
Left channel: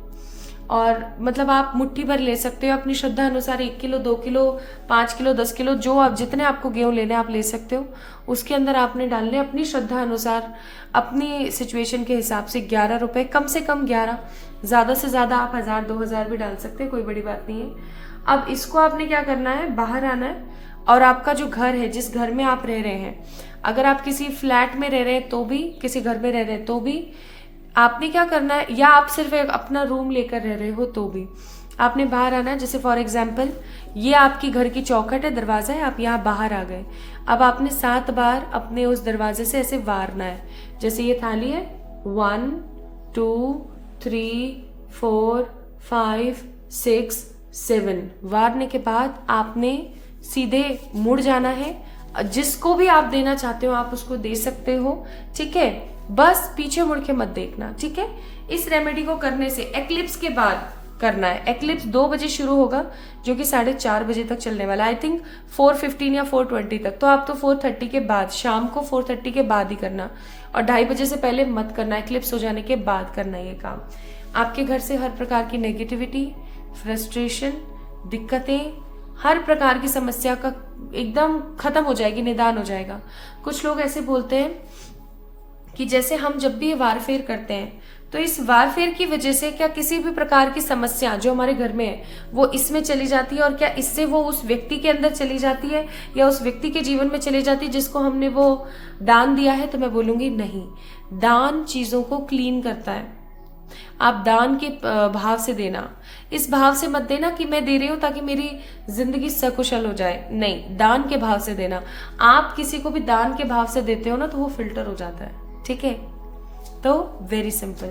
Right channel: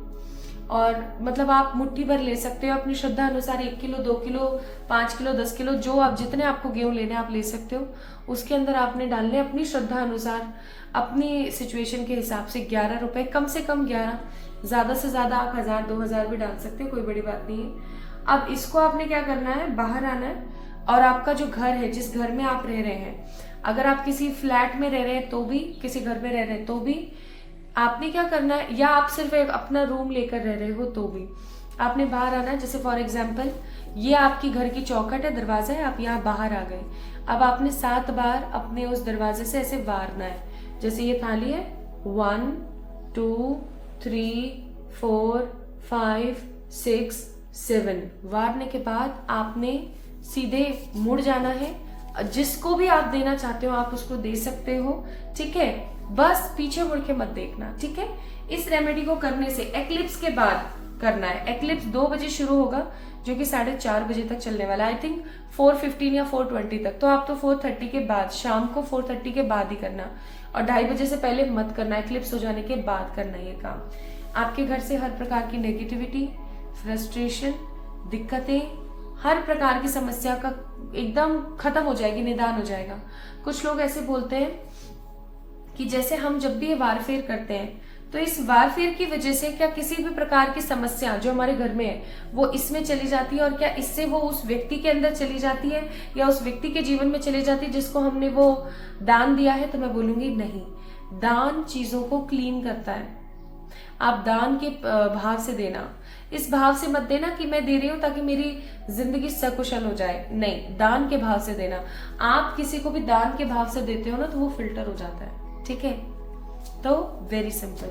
और मतलब आप मुट्ठी भर ले सकते हो अपनी श्रद्धा अनुसार, 1 किलो, 2 किलो, 5 किलो, 10 किलो, जो आप जितने आपको गेहूं लेने आप ले सकते हो। उसके अंदर आपने डालने अपनी श्रद्धा अनुसार, अपनी सिचुएशन के हिसाब से 11 रुपए, कम से कम 11, ज्यादा से ज्यादा आप 1000, 2000 भी डाल सकते हैं, कोई बड़ी बात नहीं है। अब इसको आपने क्या करना है, बाहर आना है, और आपका जो घर है, जिस घर में आप रह रहे हैं, अगर आप किसी फ्लैट में रह रहे हैं तो भी, किसी घर में रह रहे हैं तो भी, आपने क्या करना है, या आप सिर्फ एक अपना रूम लेकर रह रहे हो तो भी, आपने बाहर आना है। जैसे फॉर एग्जाम्पल ये आपकी घर की चौखट है, दरवाजा है, आप यहाँ बाहर आ गए। अब आपने 7 बार अपने उस दरवाजे से ऐसे वारना है। जैसे ये थाली है, 1 2 3 4 5 6 7, वारने के बाद आपने सीधे मुड़ जाना है। जिसको भी आप देना चाहते हो आप उसको दे सकते हो, ठीक है। बस पीछे मुड़ के मत देखना, ठीक है। इस रेमेडी को करने से एक्लिप्स के बाद करना है। एक्लिप्स 2 बजे शुरू होगा जो कि 4:30 बजे तक चलने वाला है। आई थिंक 4:15 या 4:20 तक। तो आप तो 4:30 के बाद, शाम को 4:30 के बाद ही करना, और 2:30 बजे से पहले मत करना। एक्लिप्स हो जाने के बाद करना ये काम। आपके घर से हर प्रकार की नेगेटिविटी, फ्रस्ट्रेशन, दिक्कतें, हर प्रकार की समस्या का एकदम खत्म हो जाएगी, निदान हो जाएगा। कुछ लोग ऐसे बोलते हैं कि जैसे हम जब भी ये वारफेर करते हैं तो इस वारफेर की वजह से क्या किसी भी प्रकार की समस्या जो हमारे घर में है वो इसमें चली जाती है, और क्या इससे वो उस व्यक्ति के अंदर चली जाती है या उस व्यक्ति के जीवन में चली जाती है जिसको हमने वो दान दिया है? तो मैं बोलूंगी नहीं। दान चीजों को क्लीन करता है। आप दान के भाव से देना, इस भाव से मत देना कि मैं दे रही हूं ताकि मेरी जिंदगी सकुशल हो जाए। नहीं, दान के भाव से देना। आप किसी को भी दान के भाव से देते हो ना तो वो फिल्टर हो जाता है। ठीक है, तो वेरी सिंपल।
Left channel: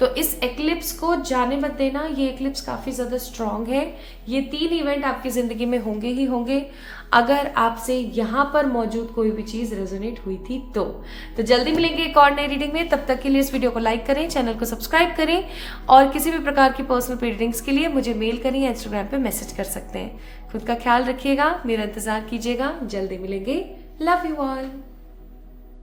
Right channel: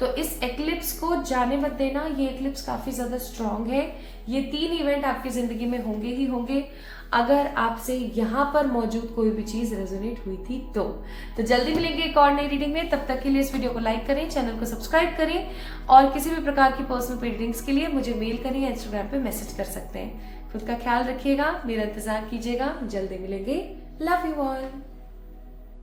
तो इस एक्लिप्स को जाने मत देना। ये एक्लिप्स काफी ज्यादा स्ट्रांग है। ये 3 इवेंट आपकी जिंदगी में होंगे ही होंगे। अगर आपसे यहाँ पर मौजूद कोई भी चीज रेजोनेट हुई थी तो जल्दी मिलेंगे एक और नई रीडिंग में। तब तक के लिए इस वीडियो को लाइक करें, चैनल को सब्सक्राइब करें, और किसी भी प्रकार की पर्सनल रीडिंग्स के लिए मुझे मेल करें या इंस्टाग्राम पे मैसेज कर सकते हैं। खुद का ख्याल रखिएगा, मेरा इंतजार कीजिएगा, जल्दी मिलेंगे। Love you all.